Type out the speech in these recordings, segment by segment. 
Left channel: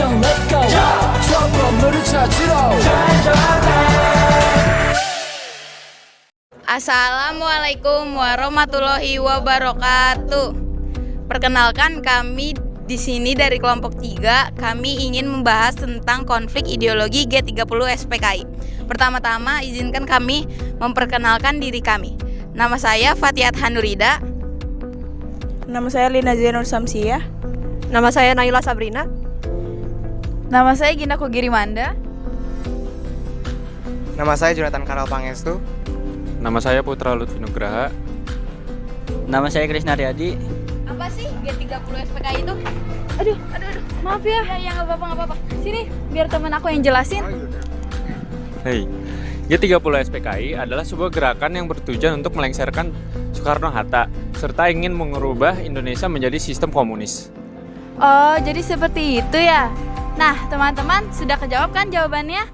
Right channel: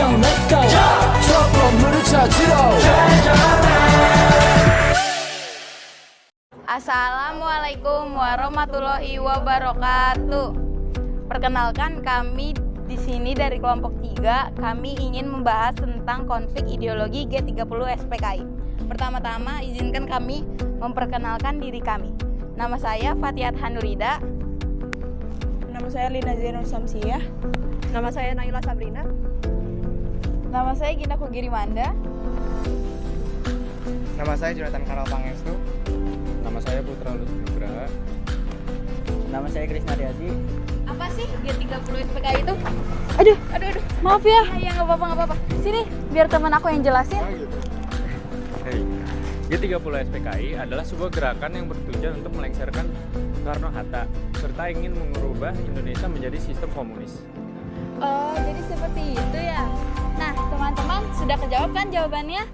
Action let's go 저 건물을 찾으러 Assalamualaikum warahmatullahi wabarakatuh. Perkenalkan, kami di sini dari kelompok 3. Kami ingin membahas tentang konflik ideologi G30 SPKI. Pertama-tama izinkan kami memperkenalkan diri kami. Nama saya Fatihat Hanurida. Nama saya Lina Zainur Samsiah. Nama saya Naila Sabrina. Nama saya Gina Kugirimanda. Nama saya Jonathan Karel Pangestu. Nama saya Putra Lutfi Nugraha. Nama saya Krisna Riyadi. Apa sih G30 SPKI itu? Aduh, maaf ya. Ya nggak apa-apa. Sini, biar teman aku yang jelasin. Hey, G30 SPKI adalah sebuah gerakan yang bertujuan untuk melengsarkan Soekarno-Hatta serta ingin mengubah Indonesia menjadi sistem komunis. Oh, jadi seperti itu ya. Nah, teman-teman, sudah kejawab kan jawabannya?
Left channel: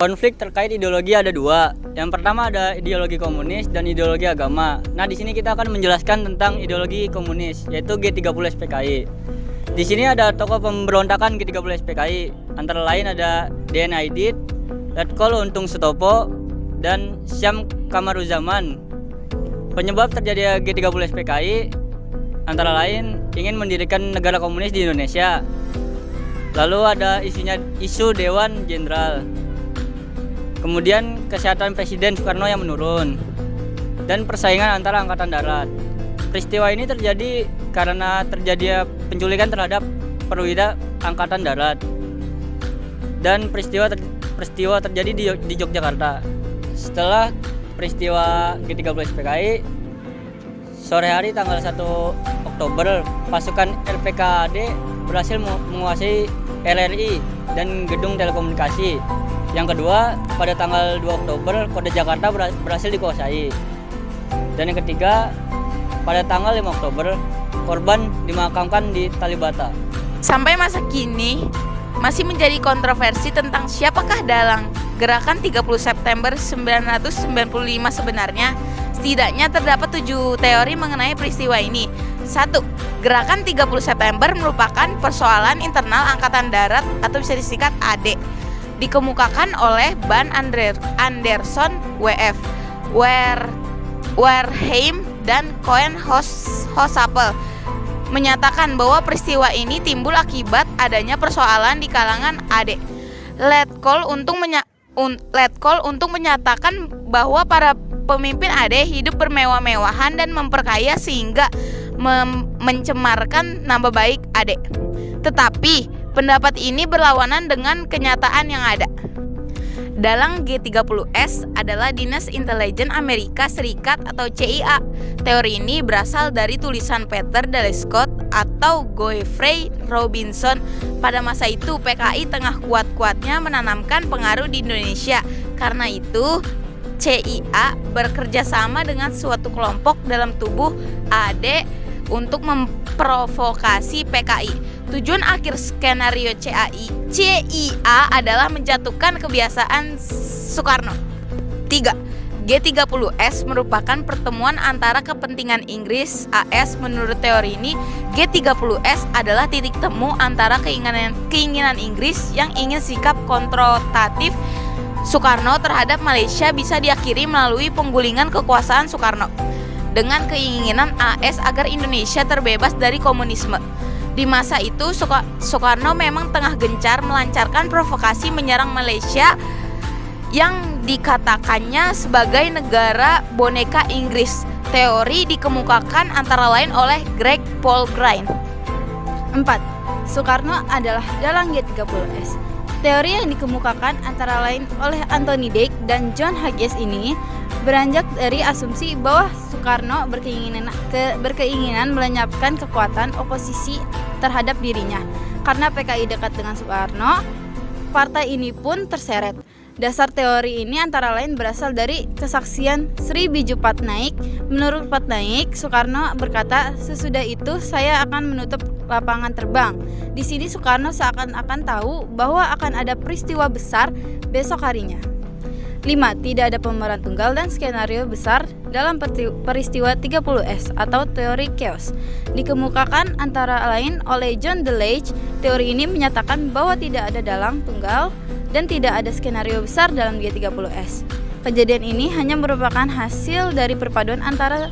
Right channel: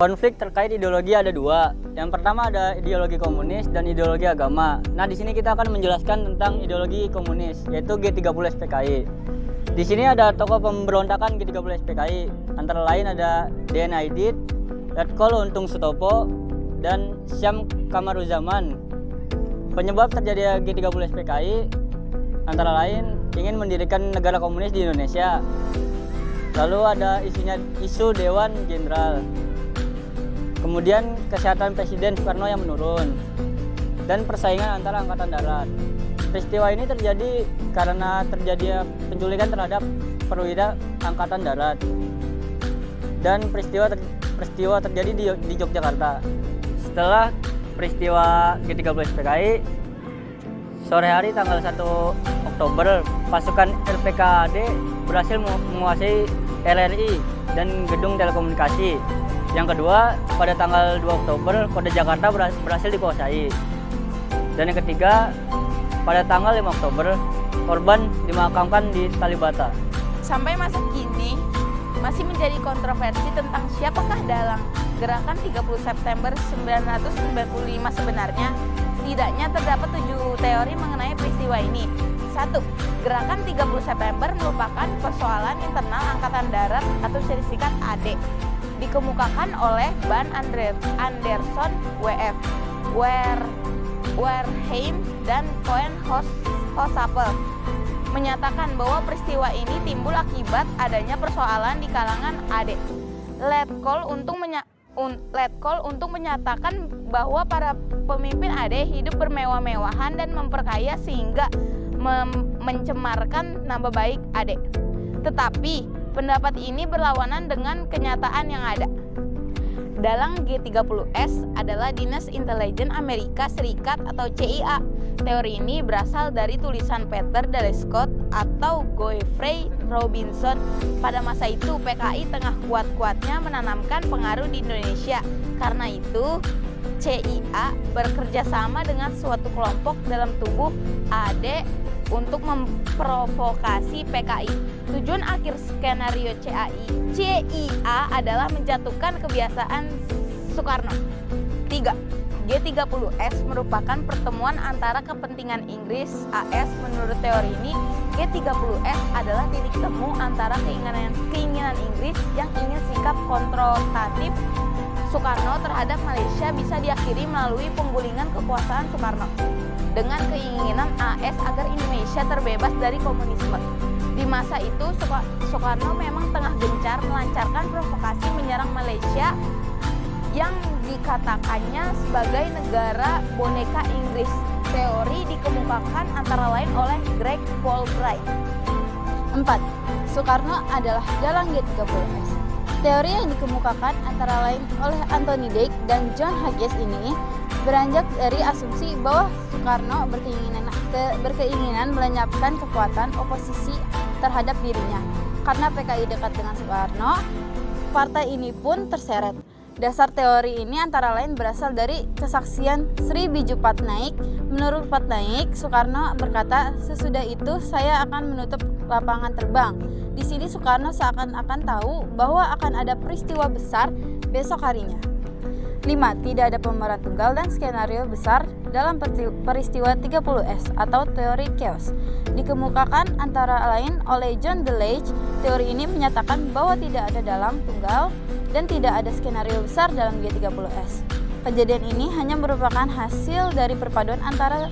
Konflik terkait ideologi ada dua. Yang pertama ada ideologi komunis dan ideologi agama. Nah, di sini kita akan menjelaskan tentang ideologi komunis, yaitu G30 SPKI. Di sini ada tokoh pemberontakan G30 SPKI. Antara lain ada D.N. Aidit, Letkol Untung Sutopo, dan Syam Kamaruzaman. Penyebab terjadinya G30 SPKI antara lain ingin mendirikan negara komunis di Indonesia. Lalu ada isu Dewan Jenderal. Kemudian kesehatan Presiden Soekarno yang menurun dan persaingan antara angkatan darat. Peristiwa ini terjadi karena terjadinya penculikan terhadap perwira angkatan darat. Dan peristiwa terjadi di Yogyakarta. Setelah peristiwa G30 SPKI, sore hari tanggal 1 Oktober, pasukan RPKAD berhasil menguasai RRI dan gedung telekomunikasi. Yang kedua, pada tanggal 2 Oktober, Kota Jakarta berhasil dikuasai. Dan yang ketiga, pada tanggal 5 Oktober, korban dimakamkan di Kalibata. Sampai masa kini masih menjadi kontroversi tentang siapakah dalang gerakan 30 September 1995 sebenarnya. Setidaknya terdapat 7 teori mengenai peristiwa ini. 1. Gerakan 30 September merupakan persoalan internal Angkatan Darat atau bisa disingkat AD. Dikemukakan oleh Ban Anderson, WF, Warheim, dan Cohen Hossapel menyatakan bahwa peristiwa ini timbul akibat adanya persoalan di kalangan AD. Letkol Untung menyatakan bahwa para pemimpin AD hidup bermewah-mewahan dan memperkaya sehingga mencemarkan nama baik AD. Tetapi pendapat ini berlawanan dengan kenyataan yang ada. Dalang G30S adalah Dinas Intelijen Amerika Serikat atau CIA. Teori ini berasal dari tulisan Peter Dale Scott atau Godfrey Robinson. Pada masa itu PKI tengah kuat-kuatnya menanamkan pengaruh di Indonesia. Karena itu CIA bekerja sama dengan suatu kelompok dalam tubuh AD untuk memprovokasi PKI. Tujuan akhir skenario CIA adalah menjatuhkan kebiasaan Soekarno. 3. G30S merupakan pertemuan antara kepentingan Inggris AS. Menurut teori ini, G30S adalah titik temu antara keinginan Inggris yang ingin sikap konfrontatif Soekarno terhadap Malaysia bisa diakhiri melalui penggulingan kekuasaan Soekarno, dengan keinginan AS agar Indonesia terbebas dari komunisme. Di masa itu Soekarno memang tengah gencar melancarkan provokasi menyerang Malaysia yang dikatakannya sebagai negara boneka Inggris. Teori dikemukakan antara lain oleh Greg Paul Grine. 4. Soekarno adalah dalang G30S. Teori yang dikemukakan antara lain oleh Anthony Dake dan John Hughes ini beranjak dari asumsi bahwa Soekarno berkeinginan melenyapkan kekuatan oposisi terhadap dirinya. Karena PKI dekat dengan Soekarno, partai ini pun terseret. Dasar teori ini antara lain berasal dari kesaksian Sri Biju Patnaik. Menurut Patnaik, Soekarno berkata, "Sesudah itu saya akan menutup lapangan terbang." Di sini Soekarno seakan-akan tahu bahwa akan ada peristiwa besar besok harinya. 5. Tidak ada pemeran tunggal dan skenario besar dalam peristiwa 30S atau teori chaos. Dikemukakan antara lain oleh John Delaunay. Teori ini menyatakan bahwa tidak ada dalang tunggal dan tidak ada skenario besar dalam G30S. Kejadian ini hanya merupakan hasil dari perpaduan antara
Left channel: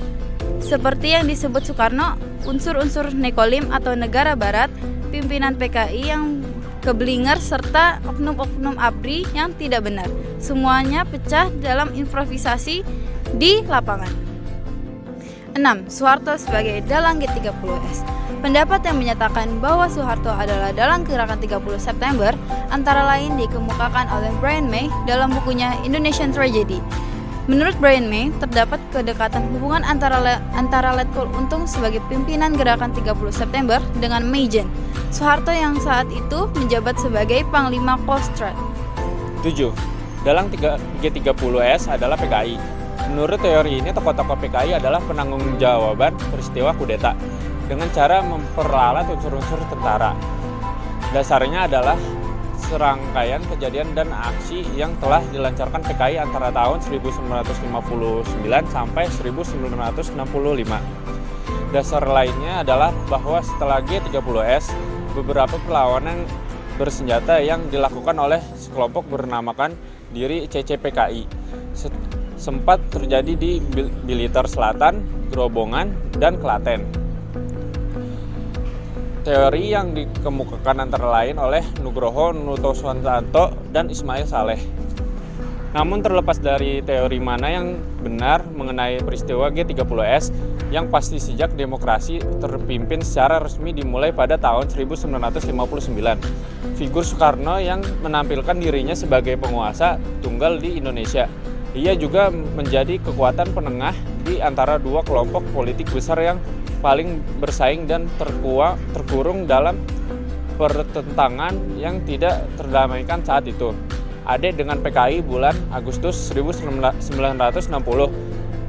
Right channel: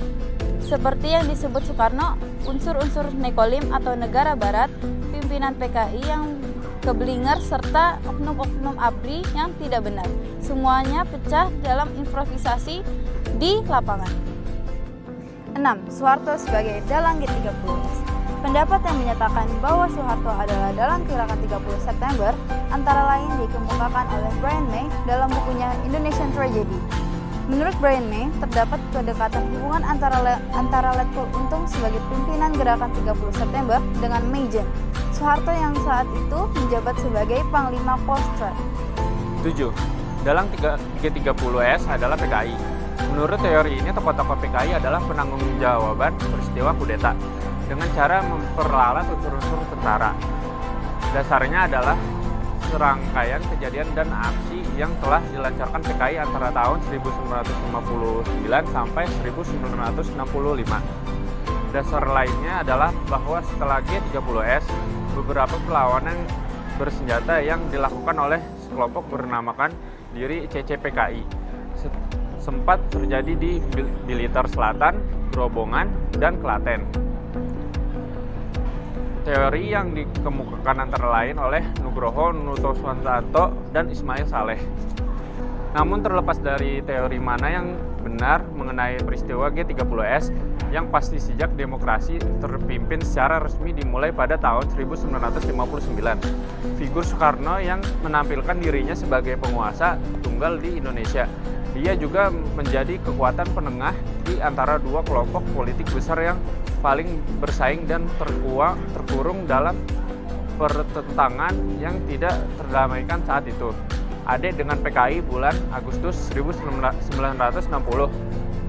seperti yang disebut Soekarno, unsur-unsur nekolim atau negara barat, pimpinan PKI yang keblinger, serta oknum-oknum ABRI yang tidak benar. Semuanya pecah dalam improvisasi di lapangan. 6. Soeharto sebagai dalang G30S. Pendapat yang menyatakan bahwa Soeharto adalah dalang gerakan 30 September antara lain dikemukakan oleh Brian May dalam bukunya Indonesian Tragedy. Menurut Brian May, terdapat kedekatan hubungan antara Letkol Untung sebagai pimpinan gerakan 30 September dengan Meijen, Soeharto yang saat itu menjabat sebagai Panglima Kostrad. 7. Dalang G30S adalah PKI. Menurut teori ini, tokoh-tokoh PKI adalah penanggung-jawaban peristiwa kudeta dengan cara memperlalat unsur-unsur tentara. Dasarnya adalah serangkaian kejadian dan aksi yang telah dilancarkan PKI antara tahun 1959 sampai 1965. Dasar lainnya adalah bahwa setelah G30S, beberapa perlawanan bersenjata yang dilakukan oleh sekelompok bernamakan diri CCPKI sempat terjadi di Blitar Selatan, Grobongan, dan Klaten. Teori yang dikemukakan antara lain oleh Nugroho Nurtanto dan Ismail Saleh. Namun terlepas dari teori mana yang benar mengenai peristiwa G30S, yang pasti sejak demokrasi terpimpin secara resmi dimulai pada tahun 1959. Figur Soekarno yang menampilkan dirinya sebagai penguasa tunggal di Indonesia. Ia juga menjadi kekuatan penengah di antara dua kelompok politik besar yang paling bersaing dan terkurung dalam pertentangan yang tidak terdamaikan saat itu. AD dengan PKI bulan Agustus 1960,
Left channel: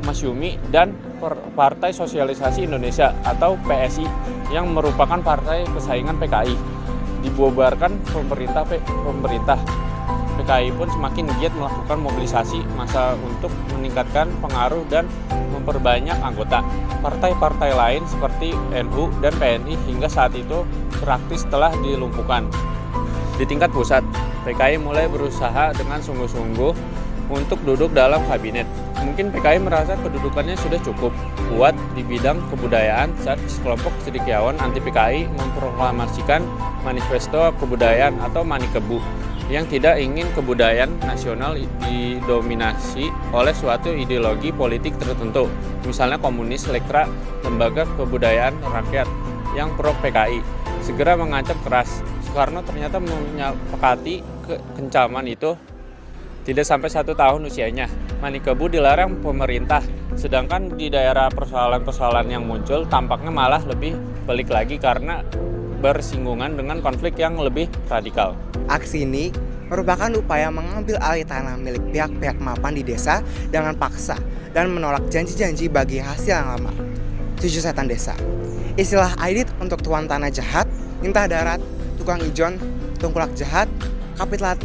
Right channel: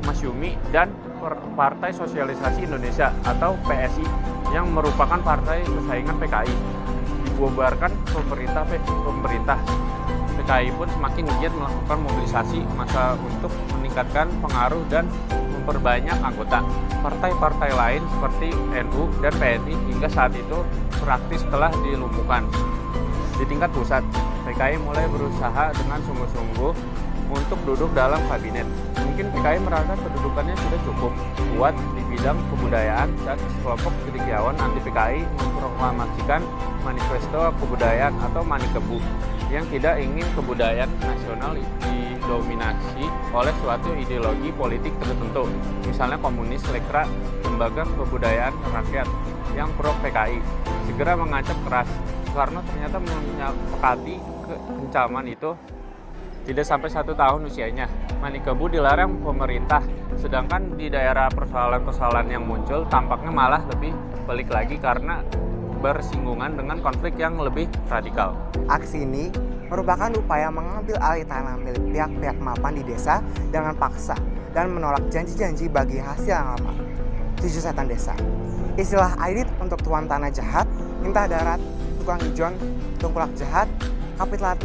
Masyumi, dan Partai Sosialisasi Indonesia atau PSI yang merupakan partai pesaingan PKI dibubarkan pemerintah. PKI pun semakin giat melakukan mobilisasi massa untuk meningkatkan pengaruh dan memperbanyak anggota. Partai-partai lain seperti NU dan PNI hingga saat itu praktis telah dilumpuhkan. Di tingkat pusat, PKI mulai berusaha dengan sungguh-sungguh untuk duduk dalam kabinet. Mungkin PKI merasa kedudukannya sudah cukup kuat di bidang kebudayaan saat sekelompok cendekiawan anti PKI memproklamasikan Manifesto Kebudayaan atau Manikebu yang tidak ingin kebudayaan nasional didominasi oleh suatu ideologi politik tertentu, misalnya komunis, lekra, lembaga kebudayaan rakyat yang pro PKI, segera mengancam keras. Soekarno ternyata menyepakati kekencaman itu. Tidak sampai 1 tahun usianya, Manikebu dilarang pemerintah, sedangkan di daerah persoalan-persoalan yang muncul tampaknya malah lebih pelik lagi karena bersinggungan dengan konflik yang lebih radikal. Aksi ini merupakan upaya mengambil alih tanah milik pihak-pihak mapan di desa dengan paksa dan menolak janji-janji bagi hasil yang lama. 7 setan desa. Istilah Aidit untuk tuan tanah jahat, minta darat, tukang ijon, tengkulak jahat,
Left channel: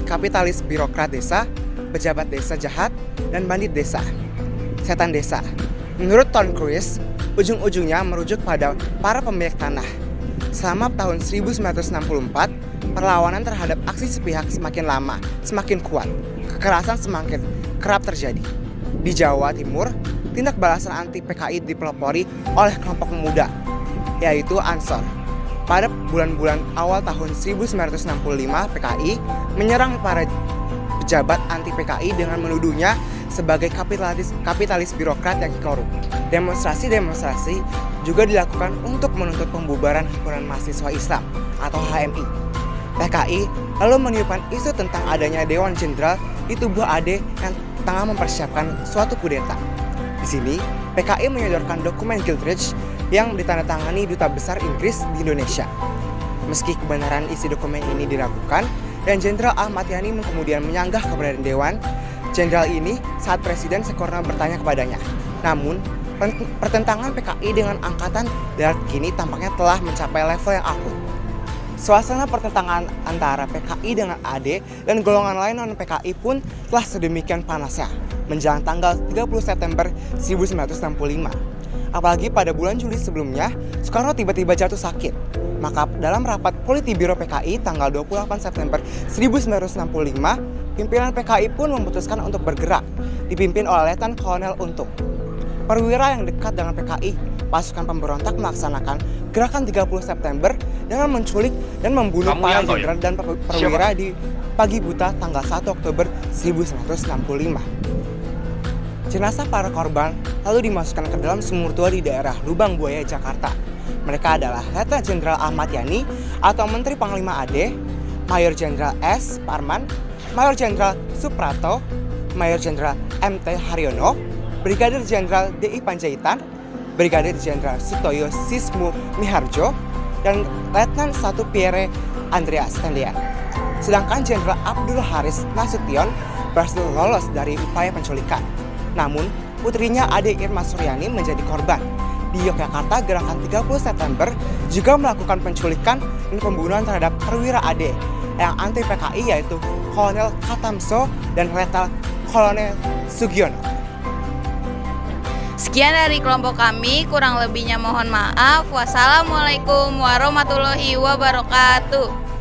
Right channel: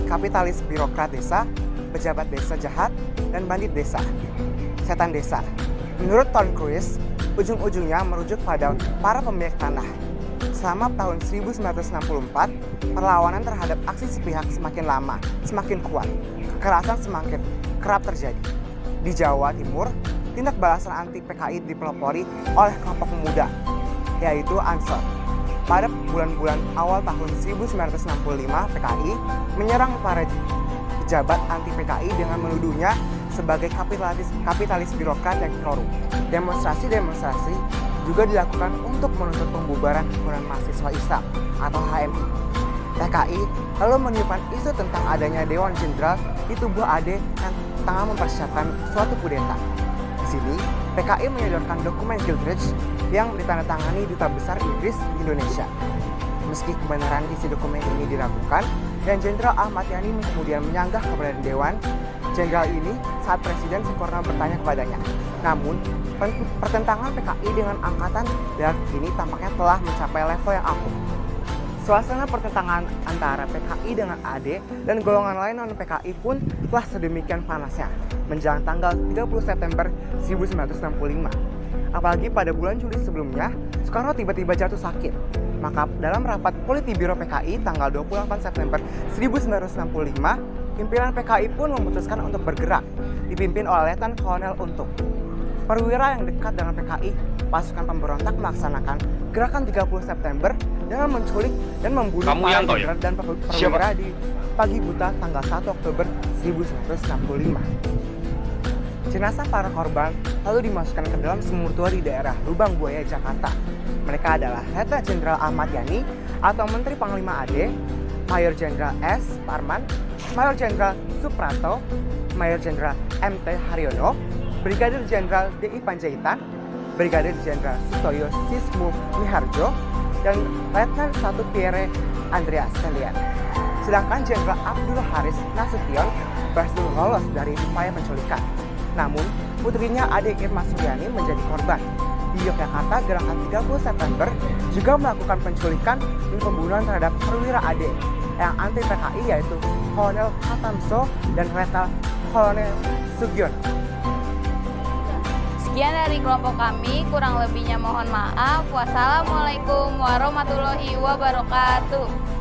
kapitalis birokrat desa, pejabat desa jahat, dan bandit desa. Setan desa. Menurut Tom Cruise, ujung-ujungnya merujuk pada para pemilik tanah. Selama tahun 1964, perlawanan terhadap aksi sepihak semakin lama, semakin kuat. Kekerasan semakin kerap terjadi. Di Jawa Timur, tindak balasan anti PKI dipelopori oleh kelompok pemuda, yaitu Ansor. Pada bulan-bulan awal tahun 1965, PKI menyerang para pejabat anti PKI dengan menuduhnya sebagai kapitalis birokrat yang korup. Demonstrasi juga dilakukan untuk menuntut pembubaran Himpunan Mahasiswa Islam atau HMI. PKI lalu meniupkan isu tentang adanya Dewan Jenderal di tubuh AD yang tengah mempersiapkan suatu kudeta. Di sini, PKI menyodorkan dokumen Giltridge yang ditandatangani Duta Besar Inggris di Indonesia. Meski kebenaran isi dokumen ini diragukan, dan Jenderal Ahmad Yani kemudian menyanggah keberadaan Dewan Jenderal ini saat Presiden Soekarno bertanya kepadanya. Namun, pertentangan PKI dengan Angkatan Darat kini tampaknya telah mencapai level yang akum. Suasana pertentangan antara PKI dengan AD dan golongan lain non-PKI pun telah sedemikian panasnya menjelang tanggal 30 September 1965. Apalagi pada bulan Juli sebelumnya, Soekarno tiba-tiba jatuh sakit. Maka dalam rapat Politbiro PKI tanggal 28 September 1965, pimpinan PKI pun memutuskan untuk bergerak, dipimpin oleh Letnan Kolonel Untung. Perwira yang dekat dengan PKI, pasukan pemberontak melaksanakan gerakan 30 September dengan menculik dan membunuh para jenderal dan perwira di pagi buta tanggal 1 Oktober 1965. Jenazah para korban lalu dimasukkan ke dalam sumur tua di daerah Lubang Buaya, Jakarta. Mereka adalah Letnan Jenderal Ahmad Yani atau Menteri Panglima AD, Mayor Jenderal S. Parman, Mayor Jenderal Suprato, Mayor Jenderal MT Haryono, Brigadir Jenderal D.I. Panjaitan, Brigadir Jenderal Sutoyo Sismu Miharjo, dan Letnan 1 Pierre Andreas Tendian. Sedangkan Jenderal Abdul Haris Nasution berhasil lolos dari upaya penculikan. Namun, putrinya Ade Irma Suryani menjadi korban. Di Yogyakarta, gerakan 30 September juga melakukan penculikan dan pembunuhan terhadap perwira AD yang anti PKI yaitu Kolonel Katamso dan Letnan Kolonel Sugiono. Sekian dari kelompok kami, kurang lebihnya mohon maaf. Wassalamualaikum warahmatullahi wabarakatuh.